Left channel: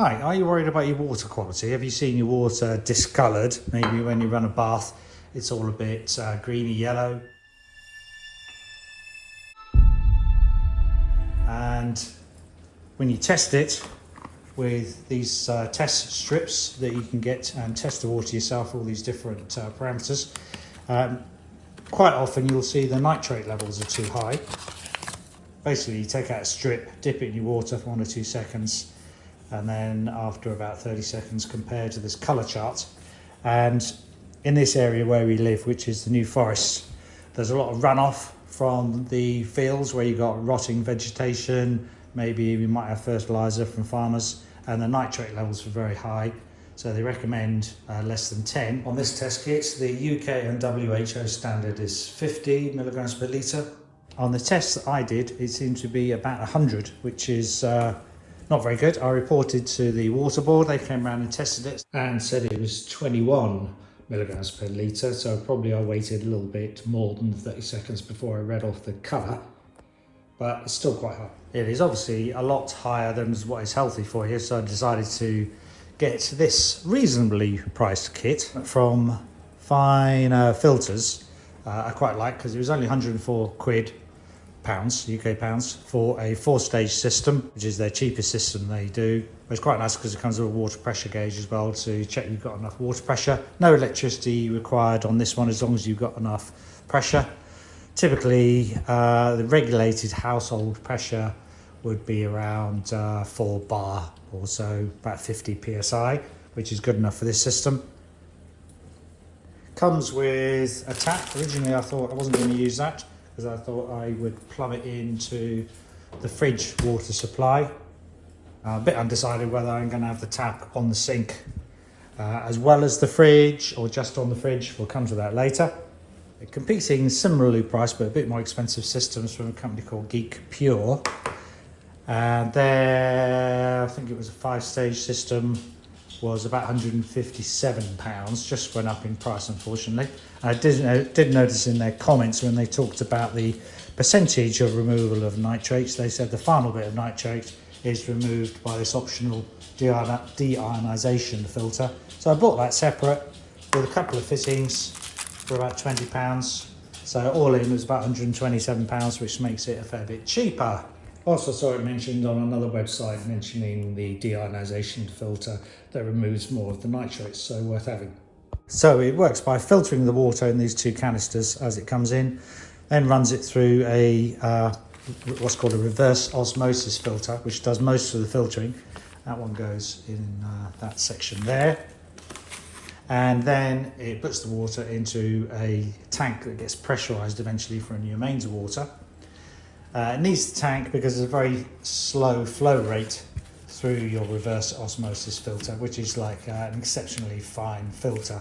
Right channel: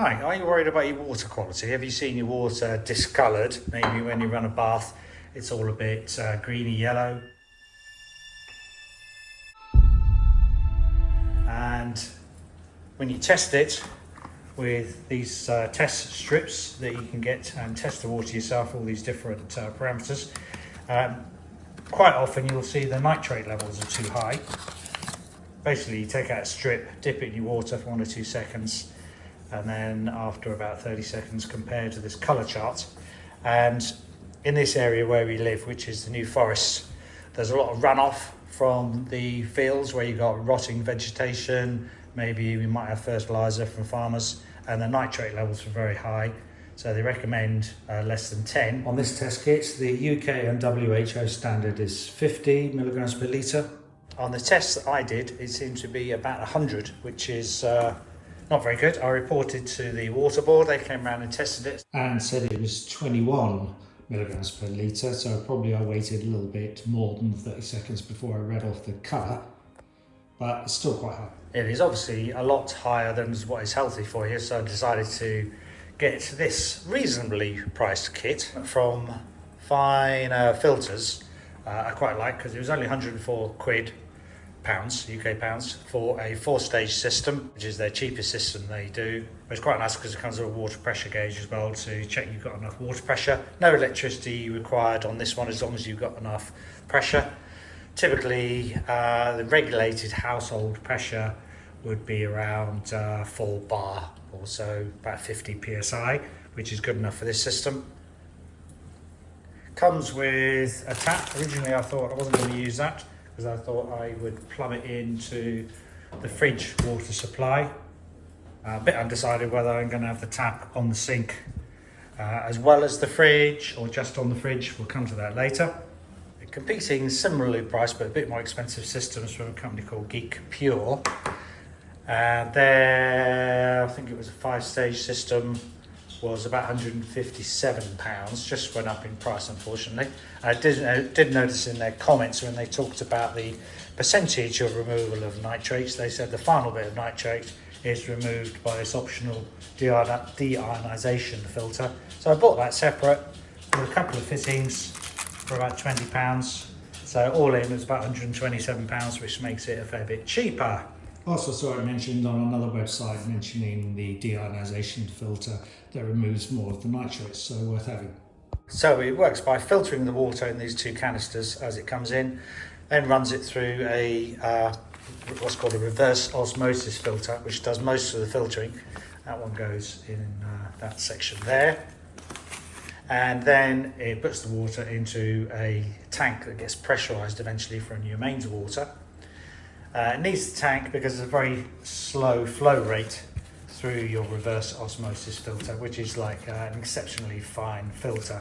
Hi, are you worried about your water quality? Have you seen your water discoloured? Maybe when you run a bath, it's all a bit greeny yellow. And when you test it with these test strips that you can get and test the water yourself, all these different parameters, quite often you'll see the nitrate levels are too high. Basically, you take out a strip, dip it in your water for 1 or 2 seconds, and then after about 30 seconds compare to this colour chart. And in this area where we live, which is the New Forest, there's a lot of runoff from the fields where you've got rotting vegetation, maybe we might have fertiliser from farmers, and the nitrate levels are very high, so they recommend less than 10. On this test kit, the UK and WHO standard is 50 milligrams per litre. On the test that I did, it seemed to be about 100, which is not very good. I reported to the water board, they came around and tested it and said it was 21 milligrams per litre, so probably I waited a little bit more than 30 seconds before I read off the cover, but it's still quite high. It is obviously a lot higher than what is healthy for you, so I decided to get this reasonably priced kit from Fine Filters. I quite like, because it was only 104 quid. UK pounds, for a 4-stage system, which is their cheapest system they do. It's quite nice because it comes with a water pressure gauge as well to check you've got enough water pressure. No electricity required on this one as long as you've got enough pressure. Typically the regulated household pressure would be around 4 bar or so, about 50 psi, which is good enough for this system. Comes with a tap. Originally I thought I wasn't going to use that, because I thought I would plumb it into the fridge water supply. I'm a bit undecided whether I'm going to have the tap on the sink as well as the fridge, or just on the fridge. We'll come to that later. Competing similarly priced but a bit more expensive systems from a company called Geek Pure. There, I think it was a 5-stage system, was about £157, just went up in price unfortunately. And I did notice in their comments when they talked about the percentage of removal of nitrates, they said the final bit of nitrate is removed by this optional deionisation filter. So I bought that separate, bought a couple of fittings for about £20. So all in it was about £127, which makes it a fair bit cheaper. Also saw it mentioned on another website mentioning the deionisation filter that removes more of the nitrates, so worth having. So it works by filtering the water in these 2 canisters as it comes in, then runs it through a what's called a reverse osmosis filter, which does most of the filtering. That one goes in that section there. And then it puts the water into a tank that gets pressurised eventually for your mains water. It needs the tank because there's a very slow flow rate through your reverse osmosis filter, which is like an exceptionally fine filter,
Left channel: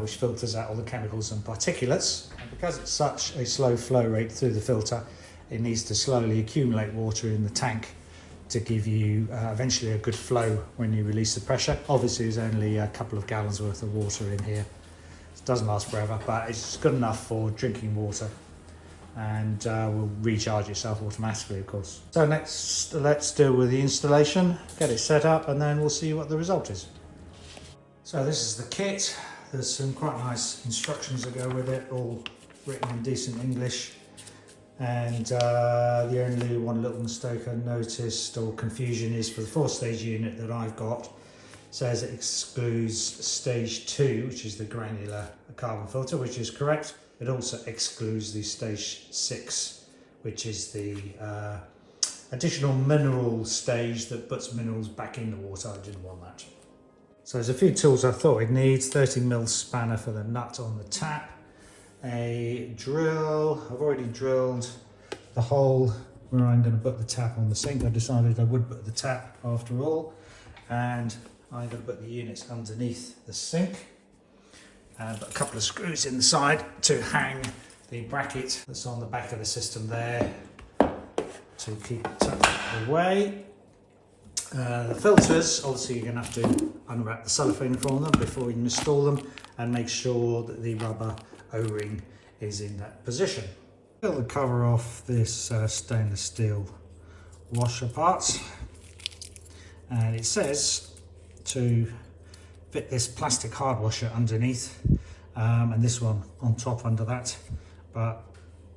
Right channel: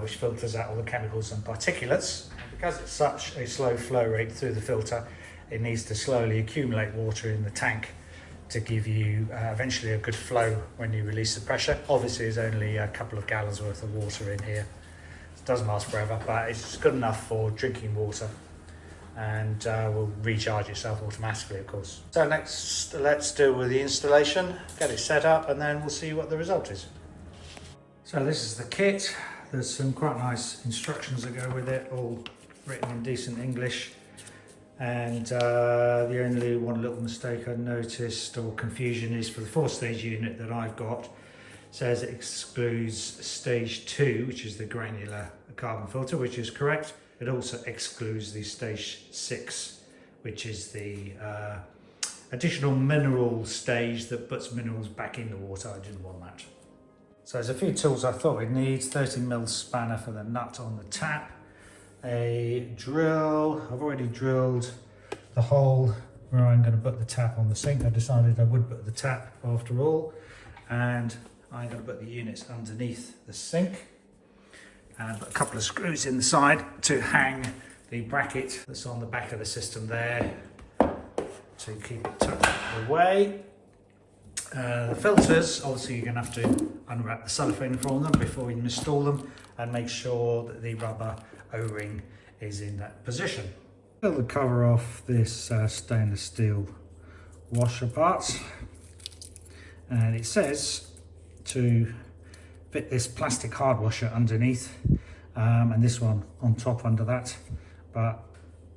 which filters out all the chemicals and particulates. Because it's such a slow flow rate through the filter, it needs to slowly accumulate water in the tank to give you eventually a good flow when you release the pressure. Obviously there's only a couple of gallons worth of water in here. It doesn't last forever, but it's good enough for drinking water, and will recharge yourself automatically, of course. So next, let's deal with the installation, get it set up, and then we'll see what the result is. So this is the kit. There's some quite nice instructions that go with it, all written in decent English. And the only one little mistake I noticed, or confusion, is for the 4-stage unit that I've got. It says it excludes stage 2, which is the granular carbon filter, which is correct. It also excludes the stage 6, which is the additional mineral stage that puts minerals back in the water. I didn't want that. So there's a few tools I thought we'd need. 30mm spanner for the nut on the tap. A drill. I've already drilled the hole where I'm going to put the tap on the sink. I decided I would put the tap after all. And I'm going to put the units underneath the sink. And put a couple of screws in the side to hang the bracket that's on the back of the system there to keep it tucked away. The filters, obviously you're going to have to unwrap the cellophane from them before you install them, and make sure that the rubber O-ring is in that position. Peel the cover off this stainless steel washer part, And it says to fit this plastic hard washer underneath and this one on top under that, but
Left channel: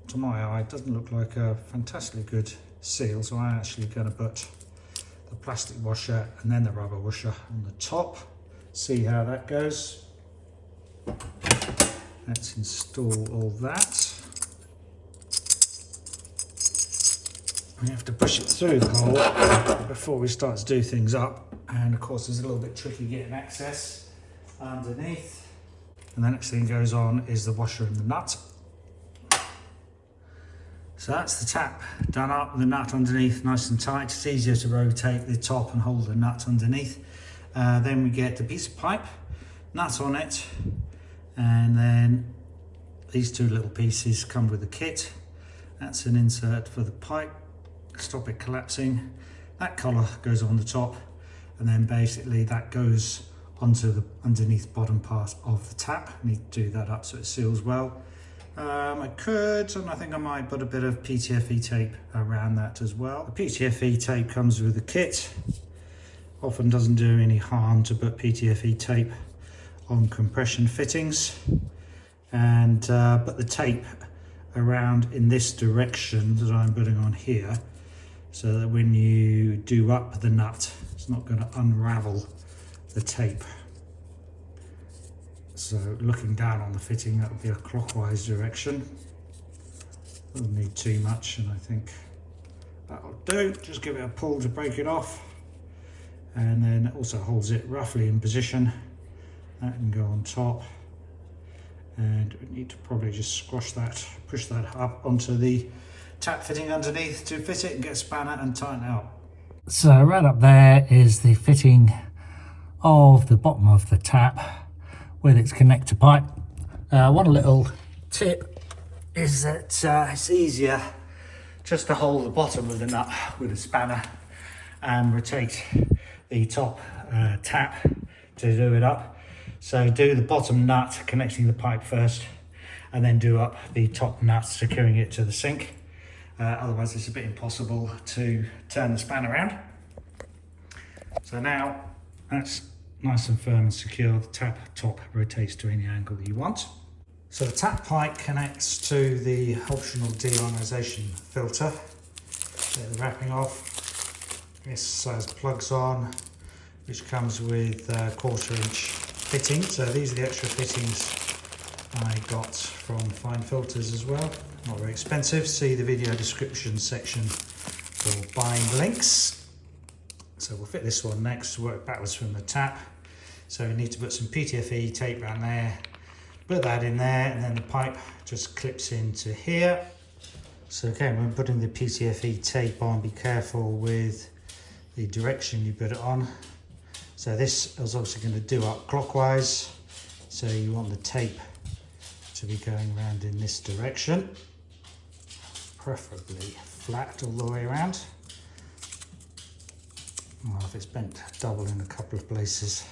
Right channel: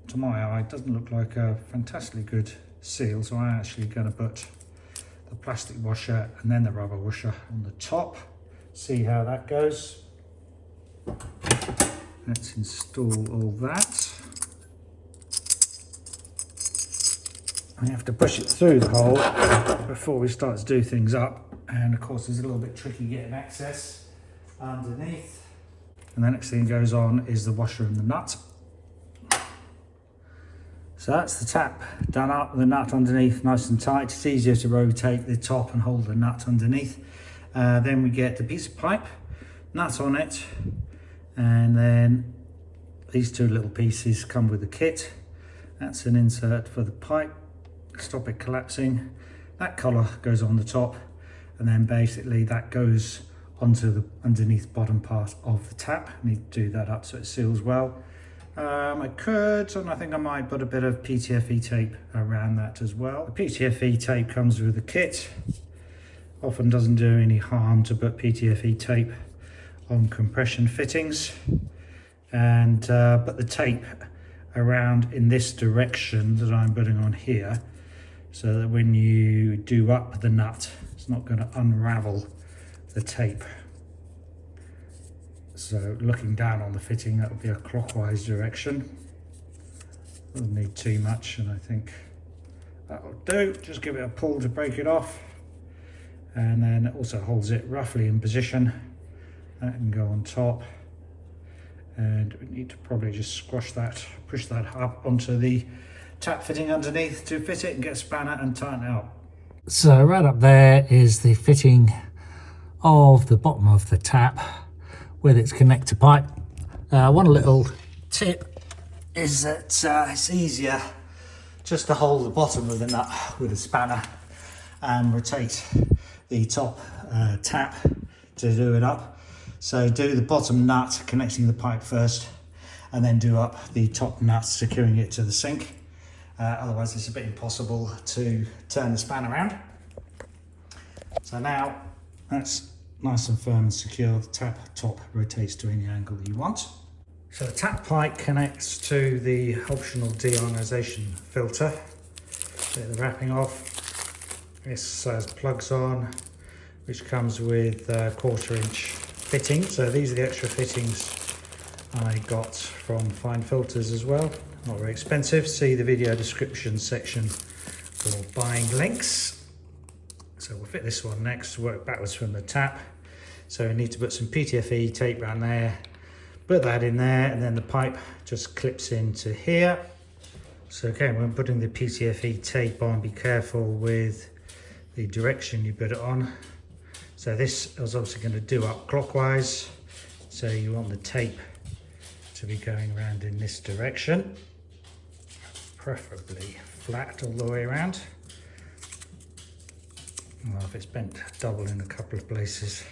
to my eye it doesn't look like a fantastically good seal, so I'm actually going to put the plastic washer and then the rubber washer on the top. See how that goes. Let's install all that. We have to push it through the hole before we start to do things up, and of course it's a little bit tricky getting access underneath. And the next thing goes on is the washer and the nut. So that's the tap done up, the nut underneath nice and tight. It's easier to rotate the top and hold the nut underneath. Then we get the piece of pipe, nut on it, and then these two little pieces come with the kit. That's an insert for the pipe, stop it collapsing. That collar goes on the top, and then basically that goes onto the underneath bottom part of the tap. I need to do that up so it seals well. I could, and I think I might put a bit of PTFE tape around that as well. The PTFE tape comes with the kit. Often doesn't do any harm to put PTFE tape on compression fittings, and put the tape around in this direction that I'm putting on here, so that when you do up the nut, it's not going to unravel the tape. So looking down on the fitting, that will be a clockwise direction. Doesn't need too much, and I think that'll do. Just give it a pull to break it off, and then it also holds it roughly in position. That can go on top, and we need to probably just squash that, push that up onto the tap fitting underneath to fit it and get a spanner and tighten it up. So right up there is the fitting of the bottom of the tap with its connector pipe. One little tip is that it's easier just to hold the bottom of the nut with a spanner and rotate the top tap to do it up. So do the bottom nut connecting the pipe first, and then do up the top nut securing it to the sink. Otherwise it's a bit impossible to turn the span around. So now that's nice and firm and secure. The tap top rotates to any angle that you want. So the tap pipe connects to the optional deionisation filter. Get the wrapping off. This has plugs on, which comes with a 1/4 inch fitting. So these are the extra fittings I got from Fine Filters as well. Not very expensive. See the video description section for buying links. So we'll fit this one next, work backwards from the tap. So we need to put some PTFE tape around there, put that in there, and then the pipe just clips into here. So again, when putting the PTFE tape on, be careful with the direction you put it on. So this is also going to do up clockwise, so you want the tape to be going around in this direction, preferably flat all the way around. Well, if it's bent double in a couple of places,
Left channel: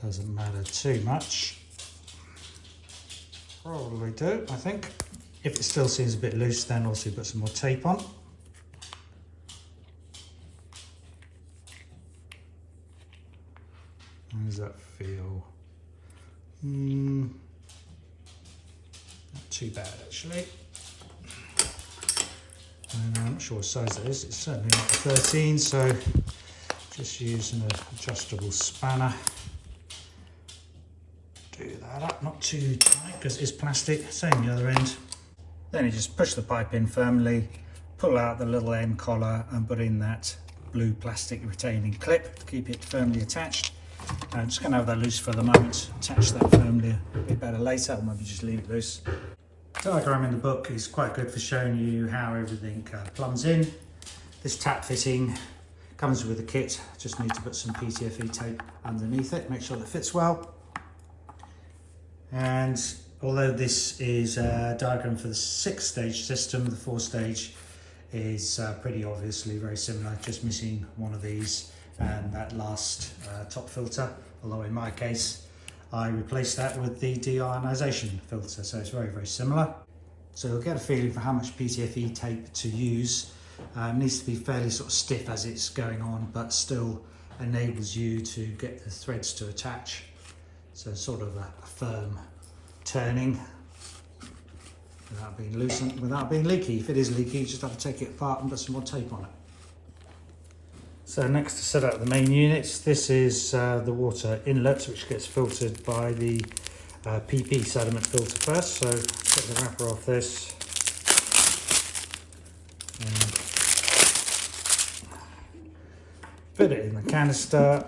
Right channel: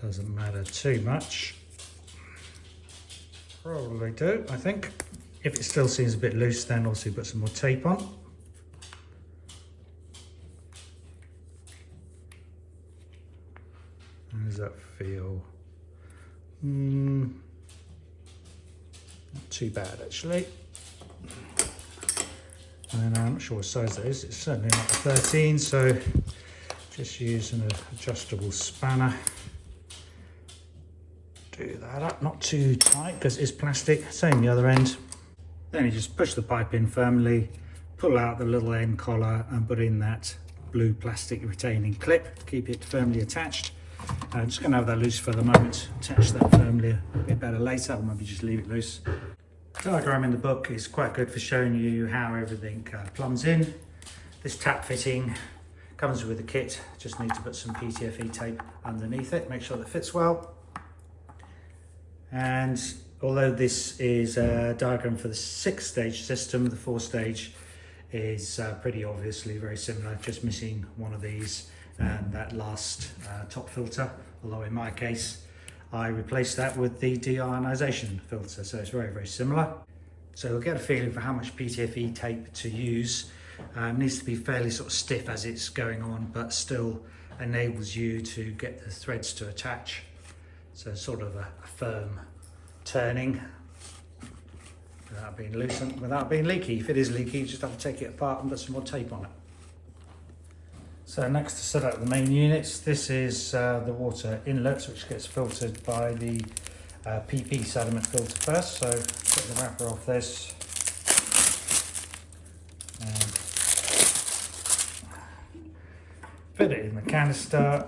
doesn't matter too much. Probably do, I think. If it still seems a bit loose, then also put some more tape on. How does that feel? Not too bad actually. And I'm not sure what size that is. It's certainly not a 13, so just use an adjustable spanner. Do that up, not too tight because it's plastic. Same the other end. Then you just push the pipe in firmly, pull out the little end collar and put in that blue plastic retaining clip to keep it firmly attached. I'm just going to have that loose for the moment, attach that firmly a bit better later, or maybe just leave it loose. The diagram in the book is quite good for showing you how everything plumbs in. This tap fitting comes with a kit, just need to put some PTFE tape underneath it, make sure that it fits well. And although this is a diagram for the 6-stage system, the 4-stage is pretty obviously very similar, just missing one of these and that last top filter, although in my case I replaced that with the deionisation filter, so it's very, very similar. So you'll get a feeling for how much PTFE tape to use Needs to be fairly sort of stiff as it's going on, but still enables you to get the threads to attach. So sort of a firm turning without being loose and without being leaky. If it is leaky, you just have to take it apart and put some more tape on it. So next to set up the main units, this is the water inlet, which gets filtered by the PP sediment filter first. So get the wrapper off this. Put it in the canister,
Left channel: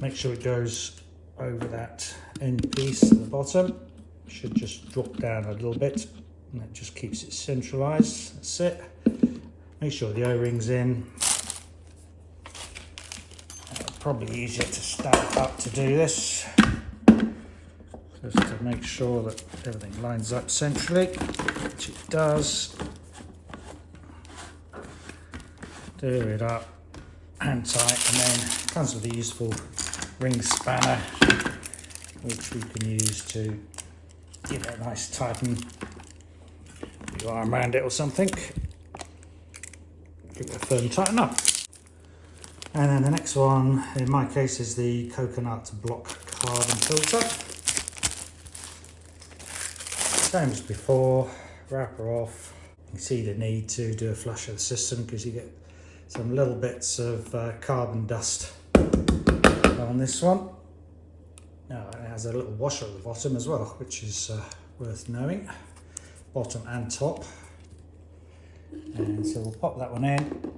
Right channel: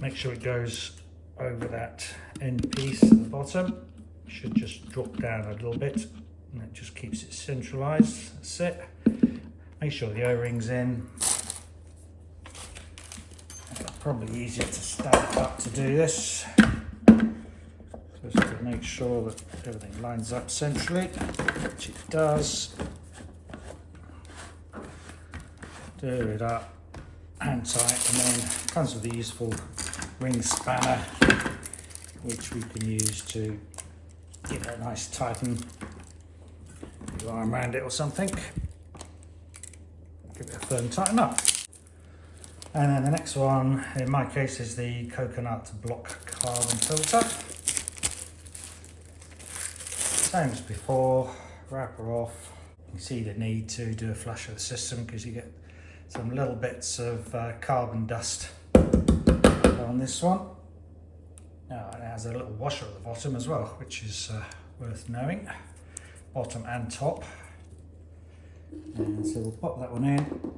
make sure it goes over that end piece at the bottom. Should just drop down a little bit, and that just keeps it centralised. That's it. Make sure the O-ring's in. Probably easier to stand up to do this, just to make sure that everything lines up centrally, which it does. Do it up and tight, and then comes with a useful ring spanner, which we can use to give it a nice tighten. Put your arm around it or something. Give it a firm tighten up. And then the next one, in my case, is the coconut block carbon filter. Same as before, wrapper off. You see the need to do a flush of the system because you get some little bits of carbon dust on this one. Now it has a little washer at the bottom as well, which is worth knowing, bottom and top. And so we'll pop that one in.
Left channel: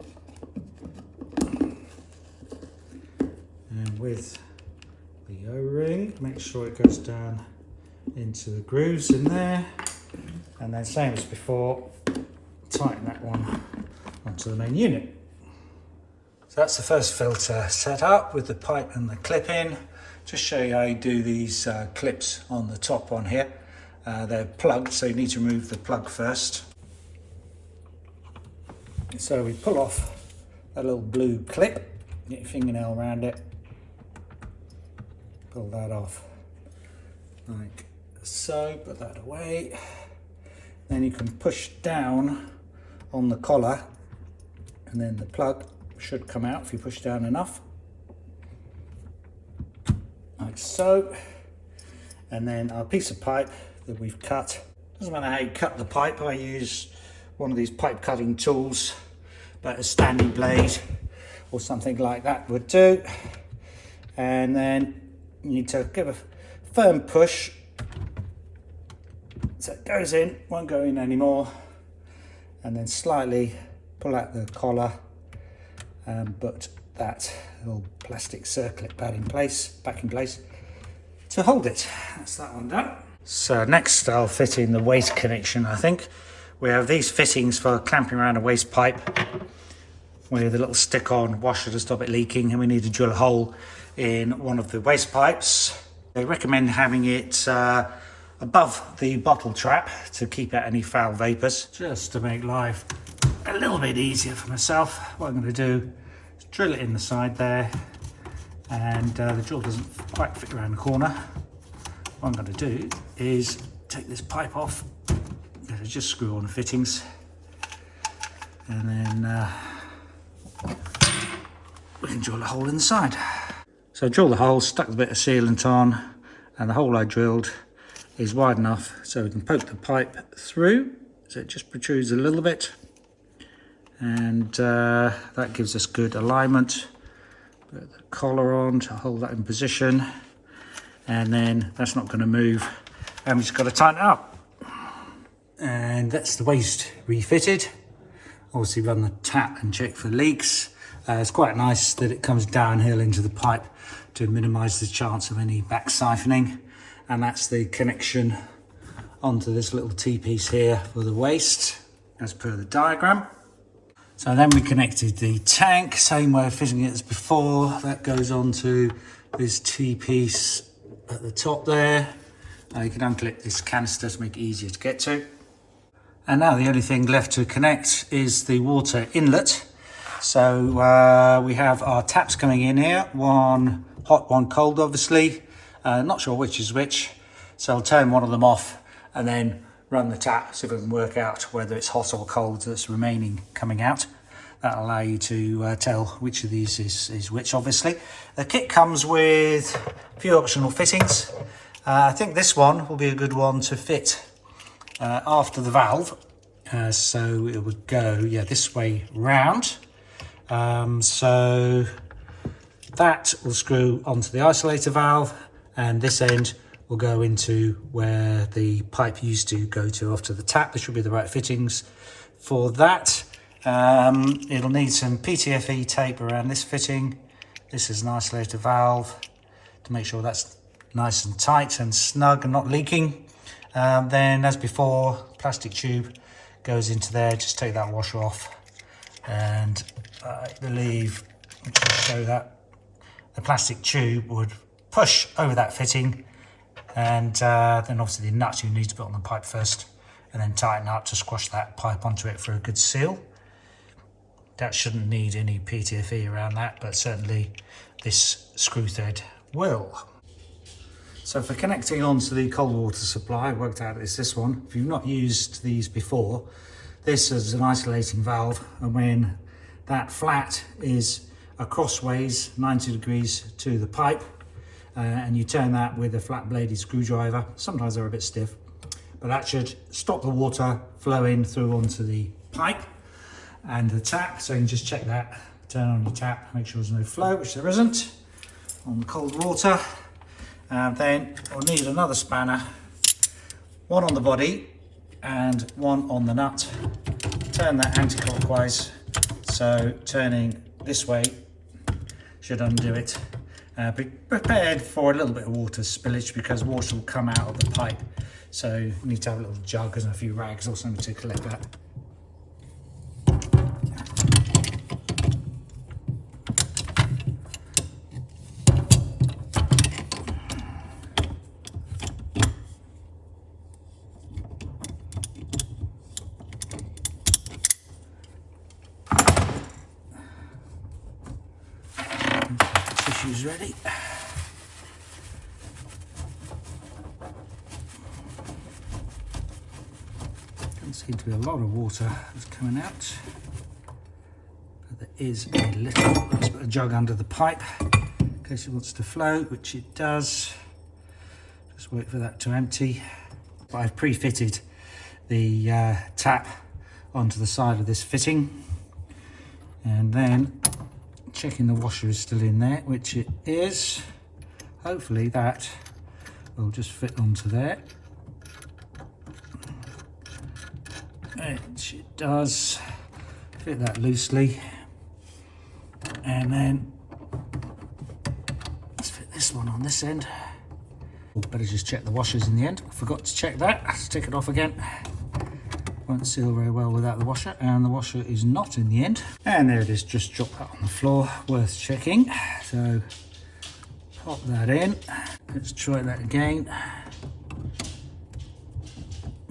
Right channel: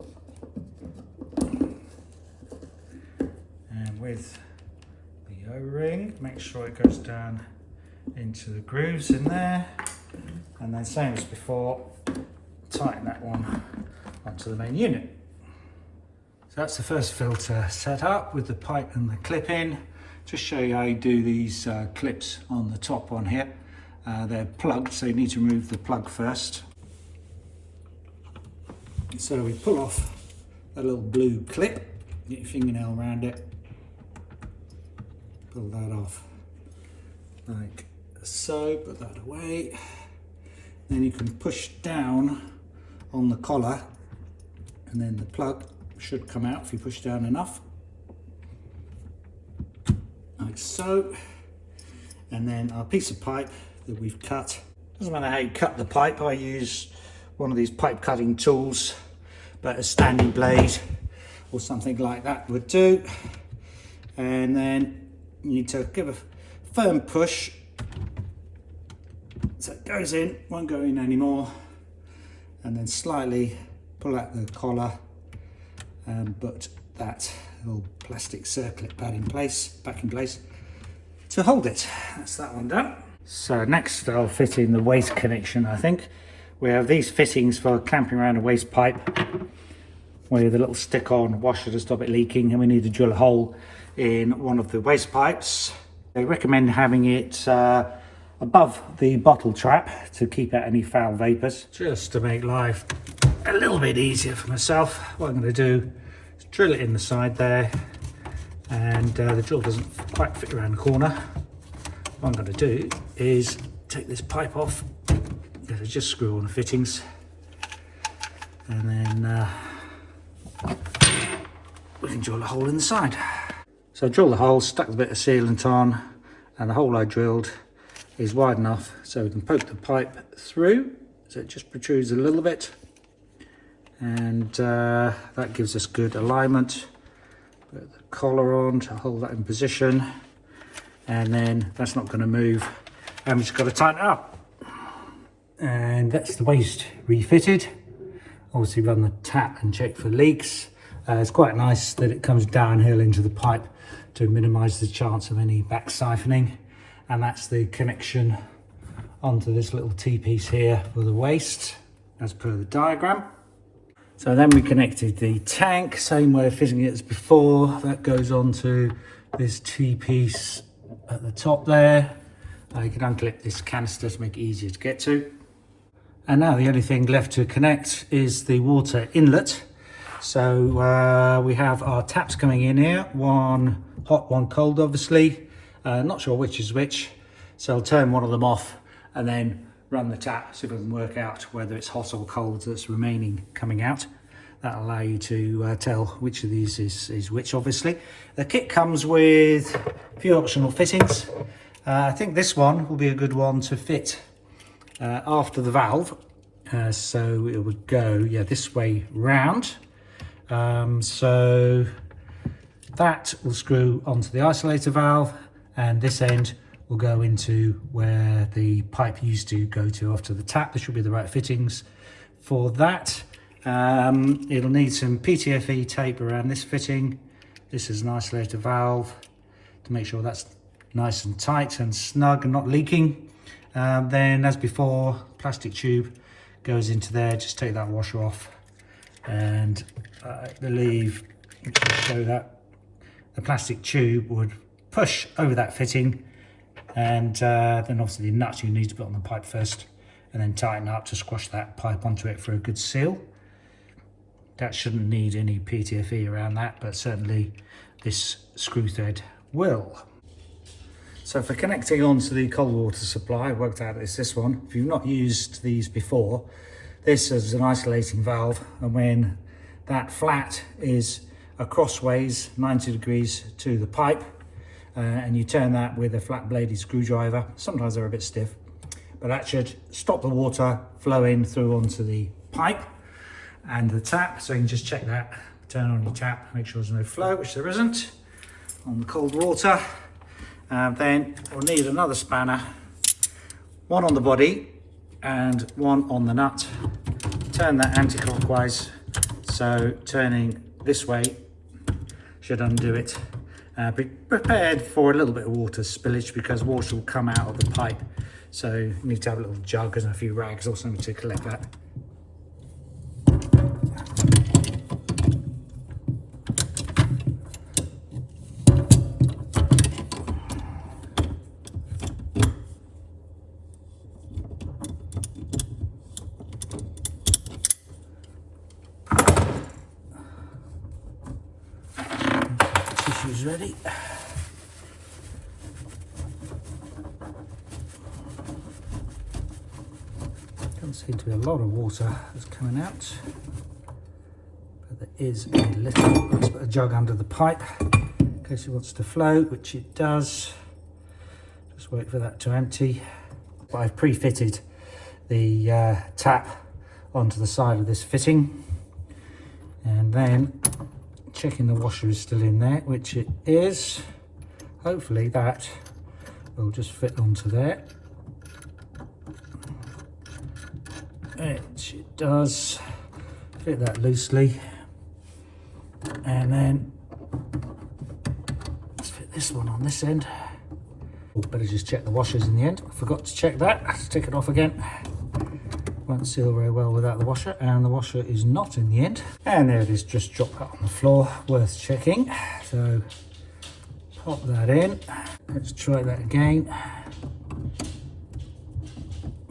And with the O-ring, make sure it goes down into the grooves in there. And then same as before, tighten that one onto the main unit. So that's the first filter set up with the pipe and the clip in. Just show you how you do these clips on the top one here. They're plugged, so you need to remove the plug first. So we pull off a little blue clip, get your fingernail around it, pull that off like so, put that away. Then you can push down on the collar, and then the plug should come out if you push down enough, like so. And then our piece of pipe that we've cut, doesn't matter how you cut the pipe, I use one of these pipe cutting tools, but a standing blade or something like that would do. And then you need to give a firm push so it goes in, won't go in anymore, and then slightly pull out the collar and put that little plastic circlip back in place to hold it. That's that one done. So next I'll fit in the waste connection. I think we have these fittings for clamping around a waste pipe with a little stick-on washer to stop it leaking, and we need to drill a hole in one of the waste pipes. They recommend having it above the bottle trap to keep out any foul vapours. Just to make life a little bit easier for myself, what I'm going to do is drill it in the side there, and the drill doesn't quite fit around the corner. What I'm going to do is take this pipe off, just screw on the fittings, and then we can drill a hole in the side. So I drilled the hole, stuck a bit of sealant on, and the hole I drilled is wide enough so we can poke the pipe through, so it just protrudes a little bit, and that gives us good alignment. Put the collar on to hold that in position, and then that's not going to move, and we've just got to tighten it up. And that's the waste refitted. Obviously run the tap and check for leaks. It's quite nice that it comes downhill into the pipe to minimise the chance of any back siphoning. And that's the connection onto this little T-piece here for the waste, as per the diagram. So then we connected the tank, same way of fitting it as before. That goes onto this T-piece at the top there. You can unclip this canister to make it easier to get to. And now the only thing left to connect is the water inlet. So we have our taps coming in here, one hot, one cold obviously. Not sure which is which, so I'll turn one of them off and then run the tap so we can work out whether it's hot or cold that's remaining coming out. That'll allow you to tell which of these is which, obviously. The kit comes with a few optional fittings. I think this one will be a good one to fit after the valve. So it would go, yeah, this way round. So that will screw onto the isolator valve, and this end will go into where the pipe used to go to after the tap. There should be the right fittings for that. It'll need some PTFE tape around this fitting. This is an isolator valve to make sure that's nice and tight and snug and not leaking. Then, as before, plastic tube goes into there. Just take that washer off, and I believe, to show that, the plastic tube would push over that fitting, and then obviously the nuts you need to put on the pipe first, and then tighten up to squash that pipe onto it for a good seal. That shouldn't need any PTFE around that, but certainly this screw thread will. So for connecting onto the cold water supply, I worked out it's this one. If you've not used these before, this is an isolating valve, and when that flat is crossways 90 degrees to the pipe, and you turn that with a flat bladed screwdriver, sometimes they're a bit stiff, but that should stop the water flowing through onto the pipe and the tap. So you can just check that, turn on your tap, make sure there's no flow, which there isn't on the cold water. Then we'll need another spanner, one on the body and one on the nut. Turn that anti-clockwise, so turning this way should undo it. Be prepared for a little bit of water spillage, because water will come out of the pipe, so you need to have a little jug and a few rags or something to collect that. Tissue's ready. Doesn't seem to be a lot of water that's coming out, but there is a little. Let's put a jug under the pipe in case it wants to flow, which it does. Just wait for that to empty. But I've pre-fitted the tap onto the side of this fitting, and then checking the washer is still in there, which it is. Hopefully that will just fit onto there, which it does. Fit that loosely, and then let's fit this one on this end. Better just check the washers in the end. I forgot to check that. Let's take it off again. Won't seal very well without the washer, and the washer is not in the end. And there it is, just dropped that on the floor, worth checking. So pop that in. Let's try that again.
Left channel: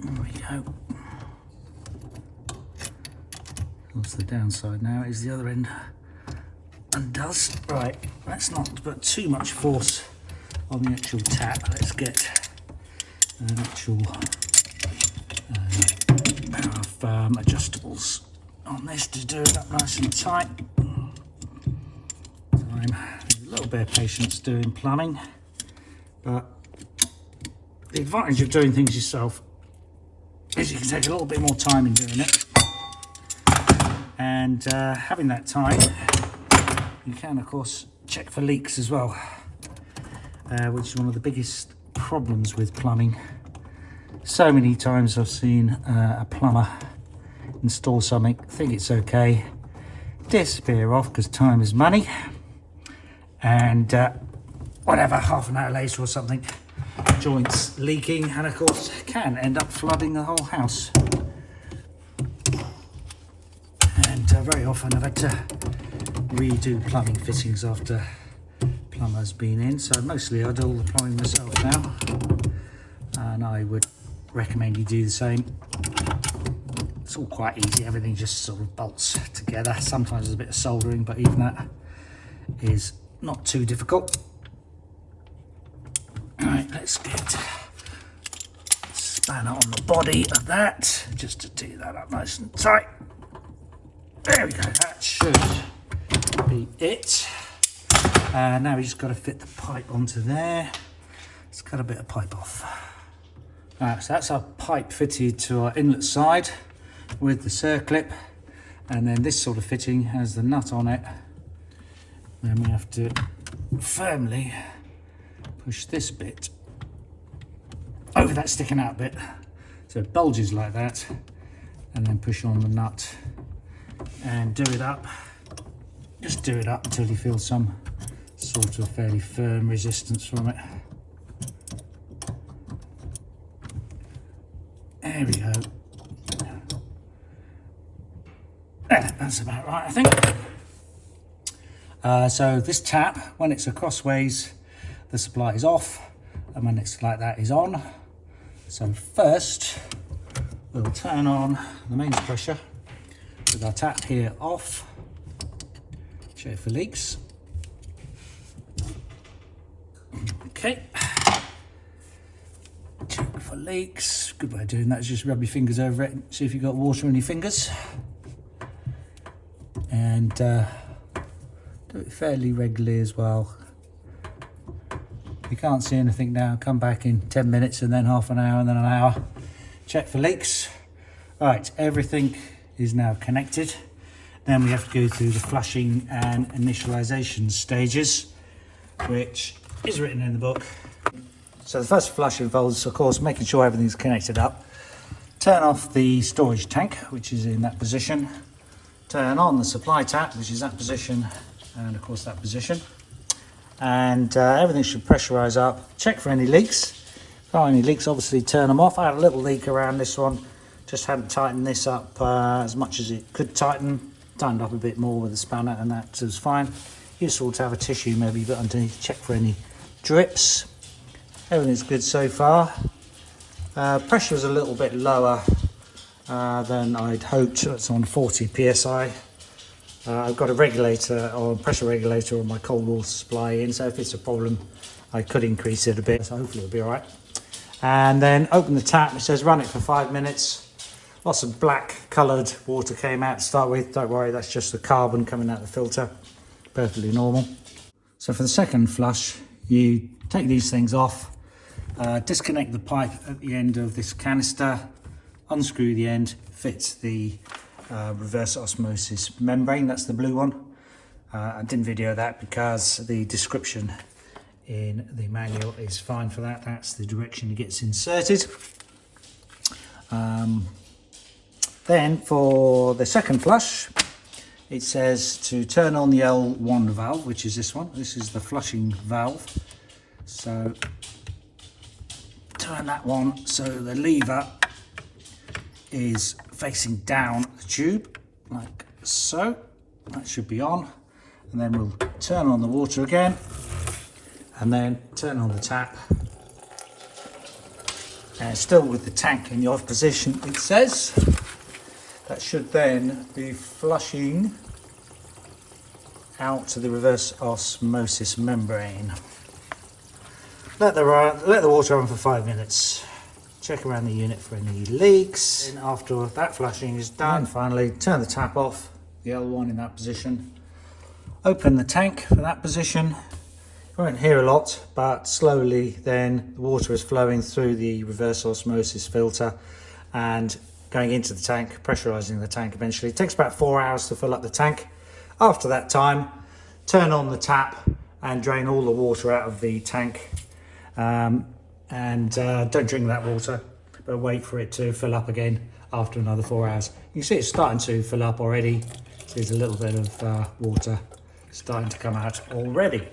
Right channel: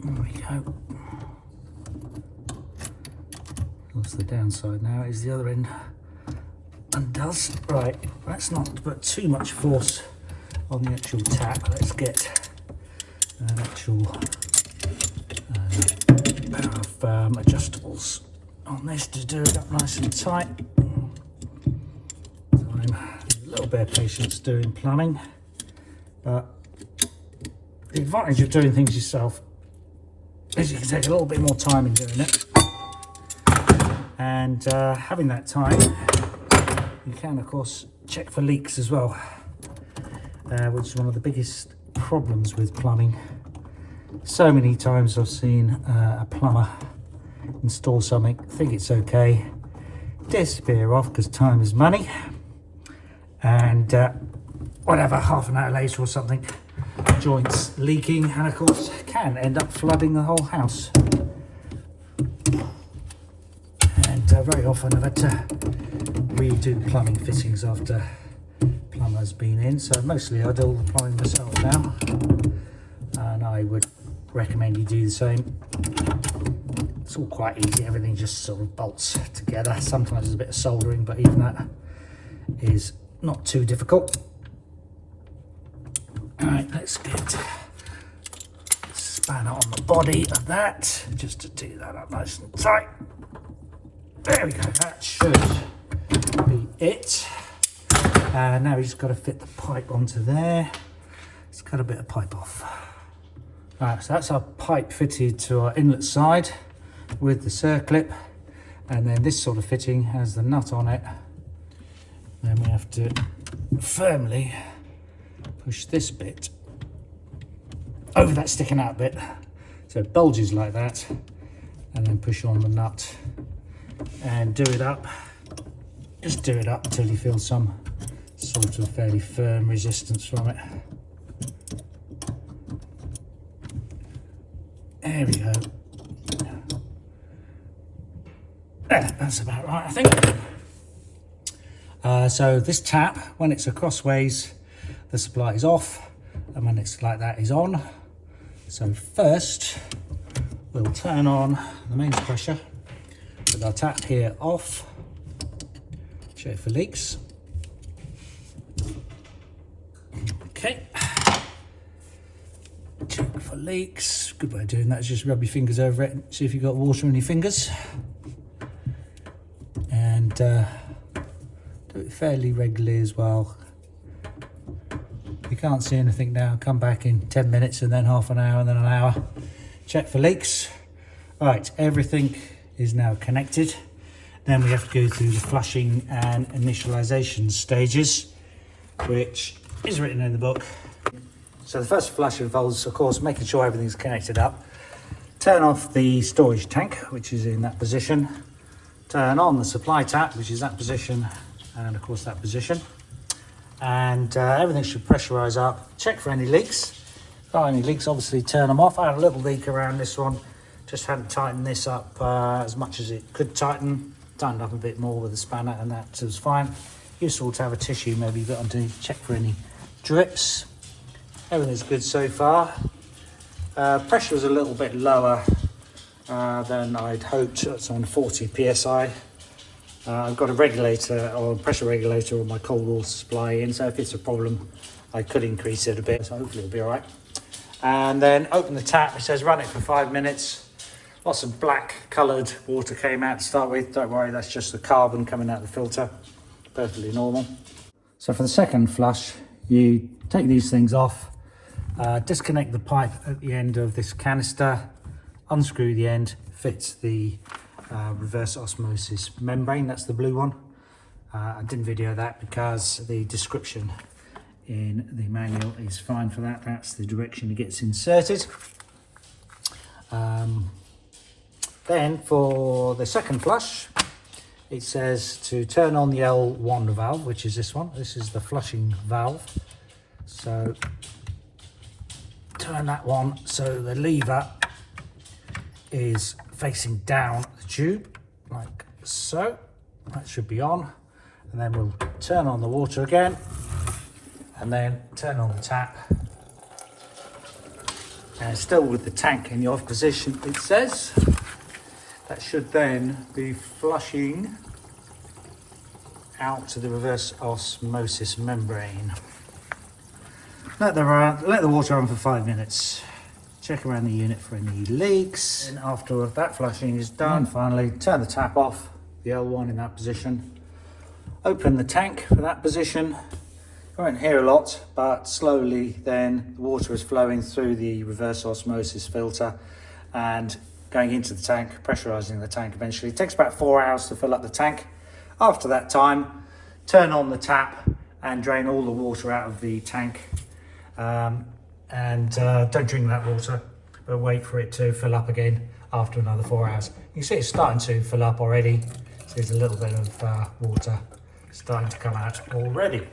There we go. That's the downside now, is the other end undoes. Right, let's not put too much force on the actual tap. Let's get an actual pair of adjustables on this to do it up nice and tight. So I'm a little bit of patience doing plumbing, but the advantage of doing things yourself is you can take a little bit more time in doing it, and having that time, you can of course check for leaks as well, which is one of the biggest problems with plumbing. So many times I've seen a plumber install something, think it's okay, disappear off because time is money, and whatever, half an hour later or something, joints leaking, and of course can end up flooding the whole house. And very often I've had to redo plumbing fittings after plumber's been in, so mostly I do all the plumbing myself now, and I would recommend you do the same. It's all quite easy, everything just sort of bolts together. Sometimes there's a bit of soldering, but even that is not too difficult. Alright, let's get a spanner on the body of that, just to do that up nice and tight. There we go, that should be it. Now we just got to fit the pipe onto there. Let's cut a bit of pipe off. So that's our pipe fitted to our inlet side with the circlip, and then this sort of fitting has the nut on it. Then we have to firmly push this bit over that sticking out bit so it bulges like that, and then push on the nut and do it up. Just do it up until you feel some sort of fairly firm resistance from it. There we go. That's about right, I think. So this tap, when it's acrossways, the supply is off, and when it's like that is on. So first, we'll turn on the mains pressure with our tap here off. Check for leaks. Okay. Check for leaks. Good way of doing that is just rub your fingers over it and see if you've got water on your fingers. And do it fairly regularly as well. If you can't see anything now, come back in 10 minutes and then half an hour and then an hour. Check for leaks. Right, everything is now connected. Then we have to go through the flushing and initialization stages, which is written in the book. So the first flush involves, of course, making sure everything's connected up. Turn off the storage tank, which is in that position. Turn on the supply tap, which is that position, and of course that position. And everything should pressurize up. Check for any leaks. If there are any leaks, obviously turn them off. I had a little leak around this one. Just hadn't tightened this up as much as it could tighten. Tightened up a bit more with the spanner, and that was fine. Useful to have a tissue maybe you've got underneath. Check for any drips. Everything's good so far. Pressure was a little bit lower than I'd hoped. It's on 40 psi. I've got a regulator or pressure regulator on my cold water supply in, so if it's a problem I could increase it a bit, so hopefully it'll be alright. And then open the tap. It says run it for 5 minutes. Lots of black coloured water came out to start with. Don't worry, that's just the carbon coming out of the filter. Perfectly normal. So for the second flush, you take these things off, disconnect the pipe at the end of this canister, unscrew the end, fit the reverse osmosis membrane. That's the blue one. I didn't video that because the description in the manual is fine for that. That's the direction it gets inserted. Then for the second flush, it says to turn on the L1 valve, which is this one. This is the flushing valve. So turn that one so the lever is facing down the tube, like so. That should be on. And then we'll turn on the water again, and then turn on the tap. And still with the tank in the off position, it says. That should then be flushing out to the reverse osmosis membrane. Let the water run for 5 minutes. Check around the unit for any leaks. And after that flushing is done, finally turn the tap off, the L1 in that position. Open the tank for that position. You won't hear a lot, but slowly then the water is flowing through the reverse osmosis filter and going into the tank, pressurizing the tank eventually. It takes about 4 hours to fill up the tank. After that time, turn on the tap and drain all the water out of the tank. Don't drink that water, but wait for it to fill up again after another 4 hours. You see it's starting to fill up already. So there's a little bit of water starting to come out already.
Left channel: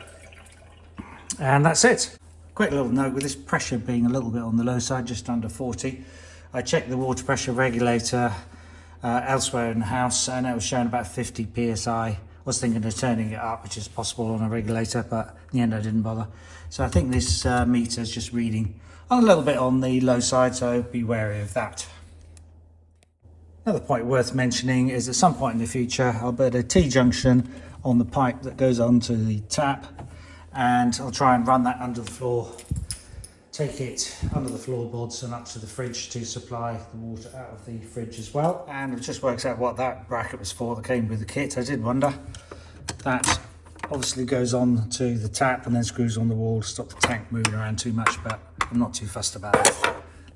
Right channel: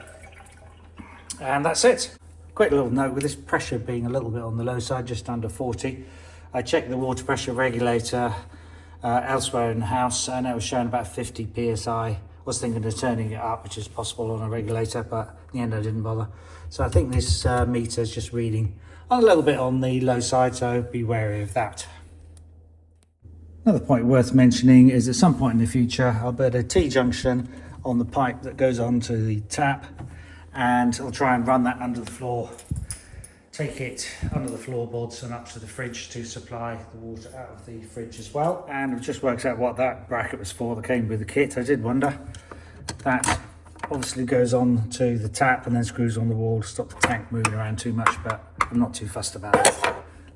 And that's it. Quick little note, with this pressure being a little bit on the low side, just under 40, I checked the water pressure regulator elsewhere in the house, and it was showing about 50 psi. I was thinking of turning it up, which is possible on a regulator, but in the end I didn't bother. So I think this meter is just reading a little bit on the low side, so be wary of that. Another point worth mentioning is at some point in the future I'll put a T-junction on the pipe that goes onto the tap, and I'll try and run that under the floor take it under the floorboards and up to the fridge to supply the water out of the fridge as well. And I've just worked out what that bracket was for that came with the kit. I did wonder. That obviously goes on to the tap and then screws on the wall to stop the tank moving around too much, but I'm not too fussed about it.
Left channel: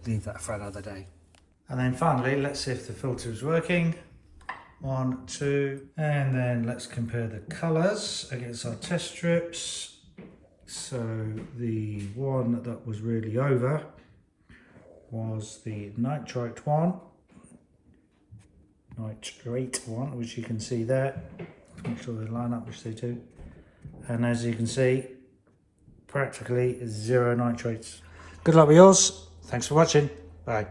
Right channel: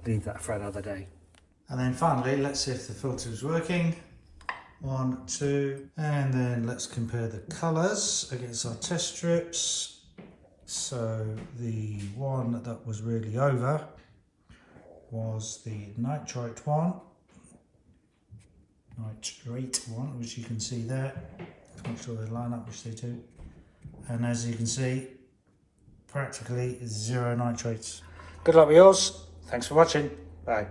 Leave that for another day. And then finally, let's see if the filter is working. 1, 2, and then let's compare the colours against our test strips. So the one that was really over was the nitrate one, which you can see there. Make sure they line up, which they do. And as you can see, practically 0 nitrates. Good luck with yours. Thanks for watching. Bye.